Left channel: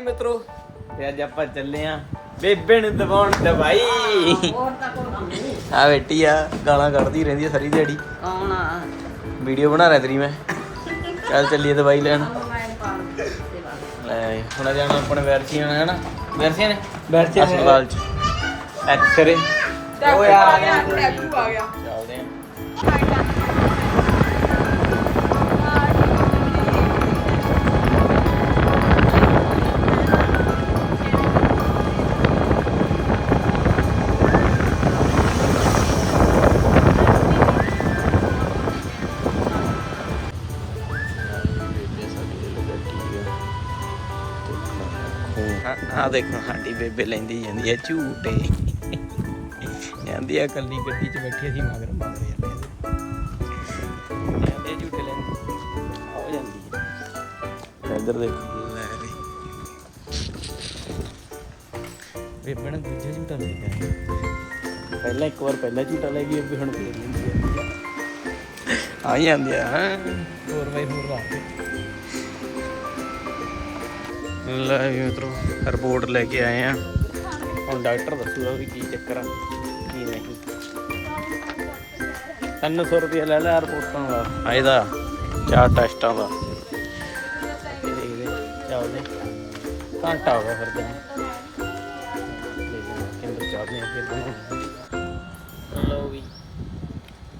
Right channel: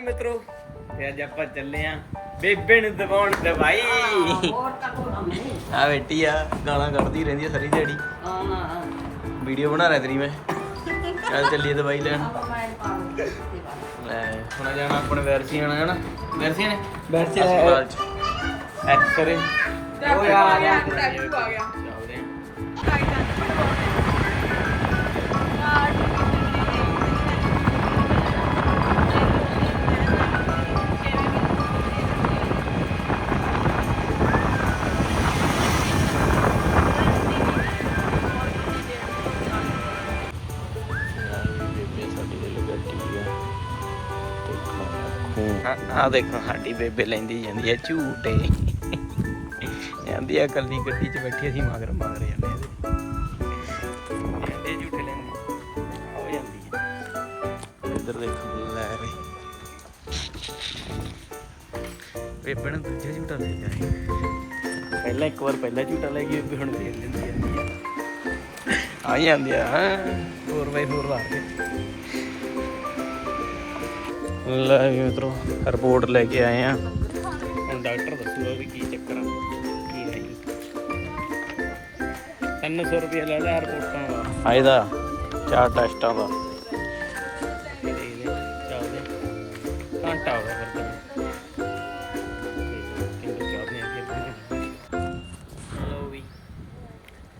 ਮਿੱਤਰੋ ਤੇ ਅੱਜ ਆਪਾਂ ਚੱਲੇ ਆ ਬੇਬੇ ਨੂੰ ਦਵਾਉਣ ਦਵਾਈ। ਆ ਬੇਟੀ ਆ ਗਾਲਾਂ ਕੱਢਦੀ ਰਹਿੰਦੀ ਆ ਸਾਰੀ ਦਿਹਾੜੀ। ਵੀਡੀਓ ਬਣਾ ਰਿਹਾ ਤੇਰੀ ਮੈਂ। ਚੱਲ ਚੱਲੀਏ ਦਵਾਈ ਲੈਣ। ਲੈ ਹੁਣ ਜਾਣਾ ਆਪਣੇ ਵਰਸੀ ਜਾਣਾ ਹੈ ਨਾ? ਵਰਸੀ ਨੇ ਵਰਸੀ ਹਸਪਤਾਲ ਚ। ਐਕਸਰੇ ਓਏ ਆ ਗਿਆ ਚੱਲਦੇ ਆ। ਆ ਦੇਖੋ, ਸਾਡੀ ਬੇਬੇ ਲੈਂਦੀ ਜਾਂਦੀ ਆ ਝੂਟੇ। ਜਾਂਦੀ ਆ ਕੱਲੀ ਗੱਡੀ 'ਚ ਬੈਠੀ ਅਸੀਂ ਮਗਰ ਮਗਰ ਜਾਂਦੇ ਆ। ਝੂਟੇ ਲੈਂਦੀ ਆ ਜਾਂਦੀ ਇੱਧਰ ਦੇਖੋ, ਲੈ ਬਈ ਬੇਬੇ ਨੇ ਦੂਜਾ ਝੂਟਾ ਲੈ ਗਿਆ ਪਹਿਲਾਂ ਇੱਕ ਵਾਰ ਪਹਿਲਾ ਝੂਟਾ ਲੈ ਗਈ ਹੁਣ ਫੇਰ ਲੈਂਦੀ ਆ। ਆ ਜਾਂਦੀ ਆ, ਹਾਂ। 4x4 ਲਾ ਕੇ। ਲੈ ਮਿੱਤਰੋ ਰਿਪੋਰਟ ਲੈ ਕੇ ਆਏ ਆ। ਹੁਣ ਡਾਕਟਰ ਦੱਸੂਗਾ ਵੀ ਕੀ ਚੱਕਰ ਆ ਕੀ ਨਹੀਂ। 300 ਰੁਪਏ ਲੈ ਲਿਆ ਰਿਪੋਰਟਾਂ ਦਾ। ਆ ਇਹਦਾ ਚਾਰ ਟੈਸਟਾਂ ਦਾ। ਘੰਟਾ ਹੋ ਗਿਆ ਫਿਰ ਤੇ। ਲਓ ਵੀ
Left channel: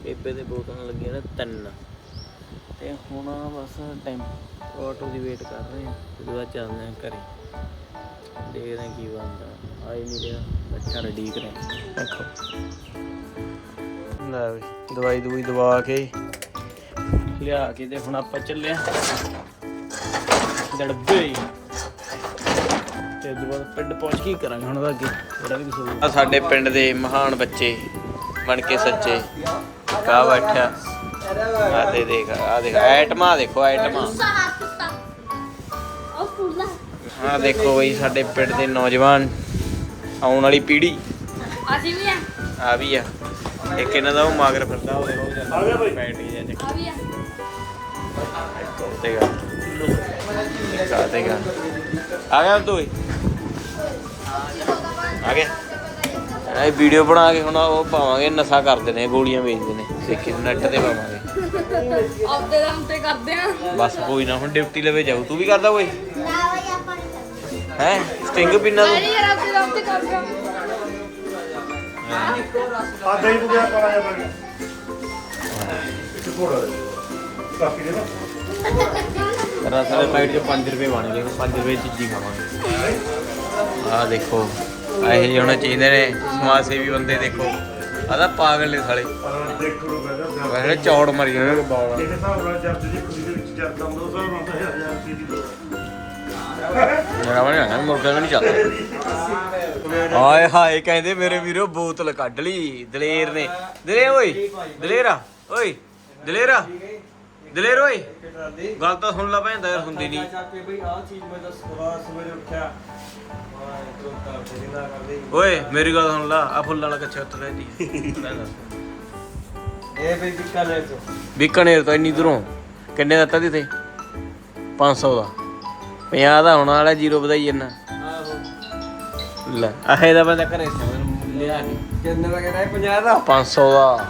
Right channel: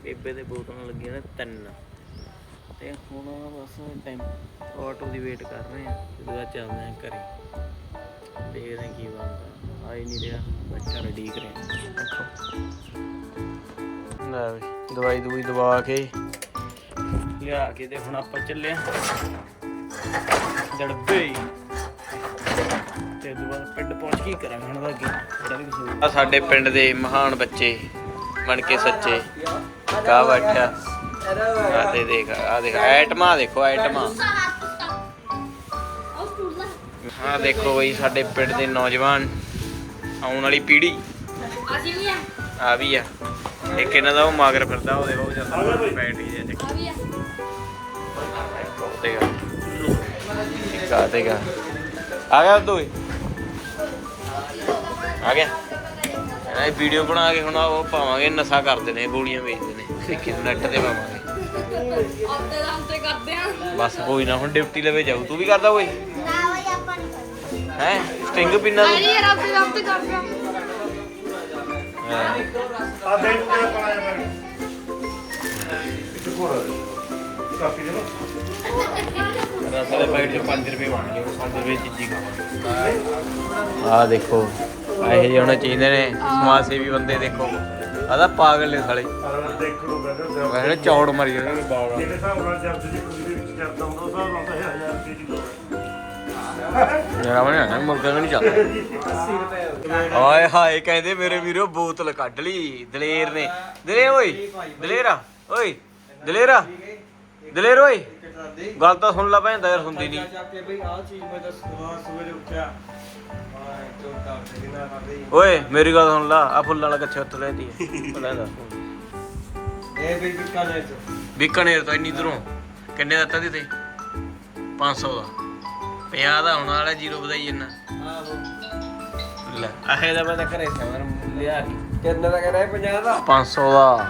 ਬੇਬੇ ਦੇ ਬੋਤਲਾਂ ਲੱਗੀਆਂ ਨੇ ਤਿੰਨ। ਤੇ ਹੁਣ ਬਸ ਟਾਈਮ ਆਟੋ ਦੀ ਵੇਟ ਕਰ ਰਹੇ ਆ ਤੇ ਦੁਆ ਚੱਲਦੇ ਆ ਘਰੇ। ਦੇਖਦੇ ਕੀ ਬਣਦਾ। ਆ ਹੀ ਨਹੀਂ ਰਿਹਾ ਬੱਚਾ ਰੈਡੀ ਕਰੇ। ਦੇਖੋ ਲੈ ਵੀ ਦਵਾਈ ਦਵਾਈ ਦਵਾ ਕੇ। ਲਿਆ ਕੇ ਤੇ ਹੁਣ ਆਪਾਂ ਚੱਲੇ ਆ ਦੜਬੇ ਤੇ ਦੁਆ ਪਿੰਡ ਪਹੁੰਚ ਕੇ ਕਰਾਂਗੇ ਹੁਣ ਦਾ ਅੱਗੇ। ਜਿਹੜਾ ਵੀ ਕੁਝ ਆ ਸਾਡੇ ਪਿੰਡ ਦੇ ਮਹਾਨ ਬੱਚੇ ਬਣ ਕੇ ਸੱਚੇ। ਕਾ ਬੈਠਾ। ਆ ਦੇ ਦੇਖ ਆ ਦੇਖ ਐਟਮਾ ਦੇਖੋ ਐਟਮਾ ਹਾਂ ਦੇਖੋ ਬਈ ਸਾਡੇ ਪਿੰਡ ਦੇ ਨੌਜਵਾਨ ਆਉਣ ਵਾਲੀ ਪੀੜ੍ਹੀ। ਅਸੀਂ ਵੀ ਆ ਆ ਵੀ ਆ। ਇੱਕ ਇਹਨਾਂ ਦਾ ਉਹ ਮਾਗਰ ਫਿਰਦਾ ਉਹ ਦੇਖੋ ਉਹ ਜਾਂਦਾ ਬੈਟਰੀ ਜਿਹਾ ਚੱਕ ਆ ਵੀ ਆ। ਇੱਕ ਉਹ ਦੇਗਾ ਇੱਕ ਆ ਦੇਗਾ ਆ ਗਿਆ ਦੋਏ ਆ ਗਿਆ। ਇਹ ਵੀਡੀਓ ਬਣਾ ਕੇ ਹੁਣ ਉਹ ਪਾਵਾਂਗੇ ਨਸ਼ਾ ਕਰਦੇ ਨੇ ਗੋਲੀਆਂ ਵੇਚਦੇ ਨੇ। ਸਿੱਕੀ ਨੈਟ ਤੇ ਪਾਵਾਂਗੇ। ਆਪਦੇ ਦਮ ਤੇ ਕਰਦੇ ਆ। ਬਸ ਕੋਈ ਨਾ ਹੁਣ ਡਿਊਟੀ ਲਵੇ ਜਾਊ। ਤੂੰ ਵੀ ਕਰਦਾ ਓਏ? ਨਾ ਵਈ ਆਪਾਂ ਨਹੀਂ ਕਰਦੇ ਹੈ? ਸਟਿੰਗ ਪਿੰਨਾ ਤੂੰ? ਯਾਰ ਆਪਦੇ ਦਮ ਤੇ ਕਰਦੇ ਆ ਹੈਂ। ਰਸ ਦੇ ਪੈਕਟ 5 ਰੁਪਏ ਬਣ ਗਏ 5 ਰੁਪਏ ਚੀਜ਼ੀ ਖਾਵਾਂਗੇ। ਆਹ ਦੇਖੋ। ਇਹ ਜਿਹੇ ਹੋਣੇ ਚਾਹੀਦੇ ਨੇ। ਸਮਾਜ ਸੇਵੀ ਬੰਦੇ ਦੇਖੋ। ਆਹ ਤਾਂ ਪਾਗਲ ਨੇ ਸਾਲੇ। ਵੈਸੇ ਚੌੜ ਮਰੀ ਜਾਂਦੇ ਨੇ। ਬਾਲ ਜਿਹੜੇ ਹਿਸਾਬ ਨਾਲ ਜਰਦ ਦੀ ਕੁੜੀ ਦੇ ਵਿੱਚ ਜਰਦ ਆਉਂਦਾ ਉਸ ਹਿਸਾਬ ਨਾਲ ਤਾਂ 1000 ਰੁਪਏ ਦੀ ਜਰਾ ਬਣੇ ਮੁਰਗਾ ਵੀ ਨਹੀਂ ਚੱਲਦਾ। ਹਾਏ ਹਾਏ ਕਹਿੰਦੇ ਮੇਰੇ ਵੀਰੋ ਬੋਤਲ ਕੱਢ ਲਈ। ਦਲੇਰ ਨੇ। ਦਲੇ ਓਏ ਦਲੇਰਾ ਓਏ ਦਲੇਰਾ ਦਲੇਰ ਓਏ। ਗੱਲ ਤਾਂ ਸੁਣ ਲਾ ਭੈਣ ਦਾ ਯਾਰ ਹੁੰਦੀ ਨਹੀਂ। ਕੇ ਬਈ ਆਹ ਚੀਜ਼ ਮੈਂ ਦੱਸ ਸਵੇਰੇ ਉੱਠਿਆ। ਓਏ ਮੇਰੀ ਗੱਲ ਸੁਣ ਲਾ ਆ ਫੁੱਲਾਂ ਵਾਲਾ ਕੱਛਾ ਉੱਥੇ ਰਹਿ ਦੀ ਪਤਾ ਕਰ। ਇਹ ਚੋ। ਬੀਕਾਨੇਰ ਤਾਂ ਇੰਨੀ ਦੂਰੋਂ? ਕਿੰਨੇ ਦਾ ਦਿੱਤਾ ਦੀ ਤੇ 500 ਦਾ। 50 ਦਾ ਹੋਣਾ ਵਾਲਾ ਜ਼ੀਰੋ ਵਧਾਈ ਜੰਨਾ ਆਹੋ। ਲੈ। ਆਹੇ ਦਾ ਮੈਂ ਤਾਂ ਘਰੇ ਸੀ ਮੈਂ ਲਿਆ ਨਹੀਂ। ਕਿੰਨੇ ਦਾ ਕਹਿੰਦਾ 50 ਦਾ? 500 ਦਾ।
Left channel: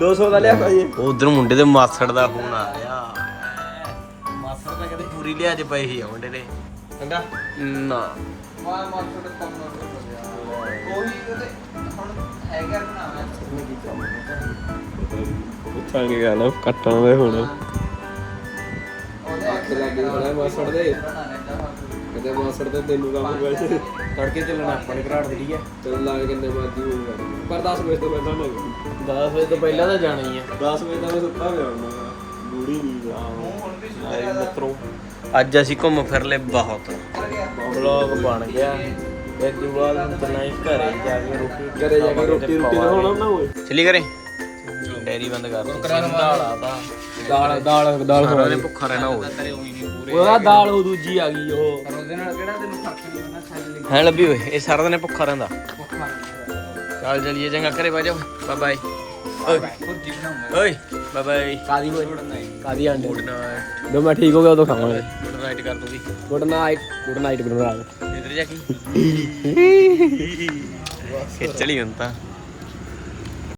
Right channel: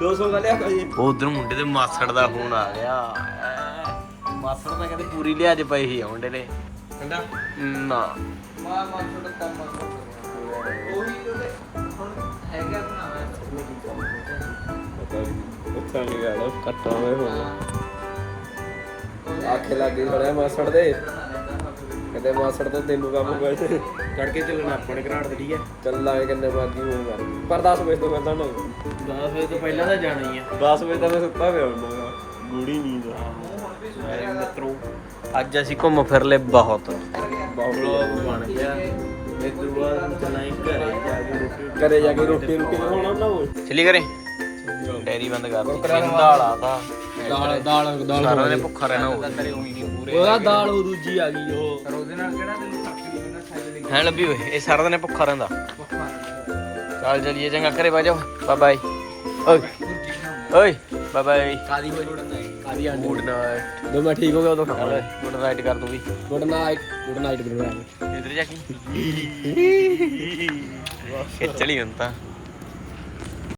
200 ਦਾ ਲਿਆ ਕੋਈ? ਉਧਰ ਮੁੰਡੇ ਦੇ ਮਾਸੜ ਦਾ ਫੋਨ ਆ ਗਿਆ। ਮਾਸੜ ਤਾਂ ਕਹਿੰਦੇ ਪੂਰੀ ਲਿਆਜ ਪਈ ਸੀ ਆ ਮੁੰਡੇ ਨੇ ਕਹਿੰਦਾ? ਨਾ। ਮਾ ਮਾ ਛੋੜ ਕੰਮ ਕੋਈ ਉਹਦੇ ਹੁਣ ਹੈਗਾ ਉੱਥਾ ਕੀ ਗੱਲ ਕੱਟਾਉਂਦੇ ਹੁਣ। ਆਖੇ ਲੱਗੇ ਬੜਾ ਮਾਸੜ ਦੇ। ਕਦੇ ਮਾਸੜ ਤੇ ਤੈਨੂੰ ਕੰਮ ਕਰ ਫੜ ਕੇ ਚੱਲਣਾ ਆਪਾਂ ਨੇ ਘਰਾੜ ਵਧੀਆ ਚੱਲ ਲਾਗੇ ਕਿੰਨੇ ਬਾਦੀ ਹੋਣ ਕਰ। ਪਰ 10 ਵਜੇ ਤੋਂ ਪਹਿਲਾਂ ਨਾ 10 ਵਜੇ ਤੋਂ ਪਹਿਲਾਂ ਤਾਂ ਜਾਣਾ ਹੀ ਆ। 10 ਵਜੇ ਤੱਕ ਸੁੱਤਾ ਪਿਆ ਹੁੰਦਾ ਗੂੜੀ ਨੀਂਦ ਮੇਰੇ ਮਿੱਤਰੋ ਅੱਜ ਅਸੀਂ ਘੁੰਮ ਫਿਰ ਲਏ ਬਹੁਤ। ਵਲੌਗ ਬਣ ਗਿਆ। ਇਸ ਤੋਂ ਬਾਅਦ ਹੁਣ ਚੱਲਣਾ ਹੈ ਘਰੇ ਜਾ ਕੇ ਰੋਟੀ ਘਰੇ ਜਾ ਕੇ ਰੋਟੀ ਰੋਟੀ ਦਾ ਹੋਣਾ ਨਾ ਓਏ ਚਲੀ ਕਰੇ ਡੈਰੀ ਬੰਦ ਕਰ ਦਿੱਤੀ ਸਿੰਦਾਲਾ ਦਾ ਦਾਲ ਦਾਲ ਦਾਲ ਸਾਰਾ ਨੇ ਭੁੱਖਾ ਰਹਿਣਾ ਹੋਵੇ ਉਹਦਾ ਦਾਲ ਉਹ ਦੂਜੀ ਆ ਗਈ ਉਹ। ਪਰ ਉਹਦੇ ਨਾਲ ਕਿਹੜਾ ਤੈਨੂੰ ਫ਼ਰਕ ਨਹੀਂ ਪੈਣਾ ਖਾਈ ਹੈ ਲੱਭੀ ਓਏ ਇਹ ਸਾਰਾ ਦਿਨ ਭੁੱਖਾ ਰਹਿੰਦਾ। ਚੱਲ ਚਲੀਏ ਚੰਗਾ ਘਰੇ ਬਹਿ ਜਾਓ। ਬਾਏ ਬਾਏ ਓਏ। ਓਏ ਬਾਏ ਬਾਏ ਕਾਦੀ ਕਾਦੀ ਆਂਡੇ? ਨਾਈਟ ਜਦੋਂ ਮੈਂ ਠੀਕ ਹੋ ਗਿਆ ਉਦੋਂ ਖਾਵਾਂਗੇ। ਨਾਈਟ ਕਰ ਦੂਗੀ। Good night good night good night ਇਧਰ ਜਾ ਕੇ। ਖਿੱਚ ਲਈ ਹੁਣ ਤਾਂ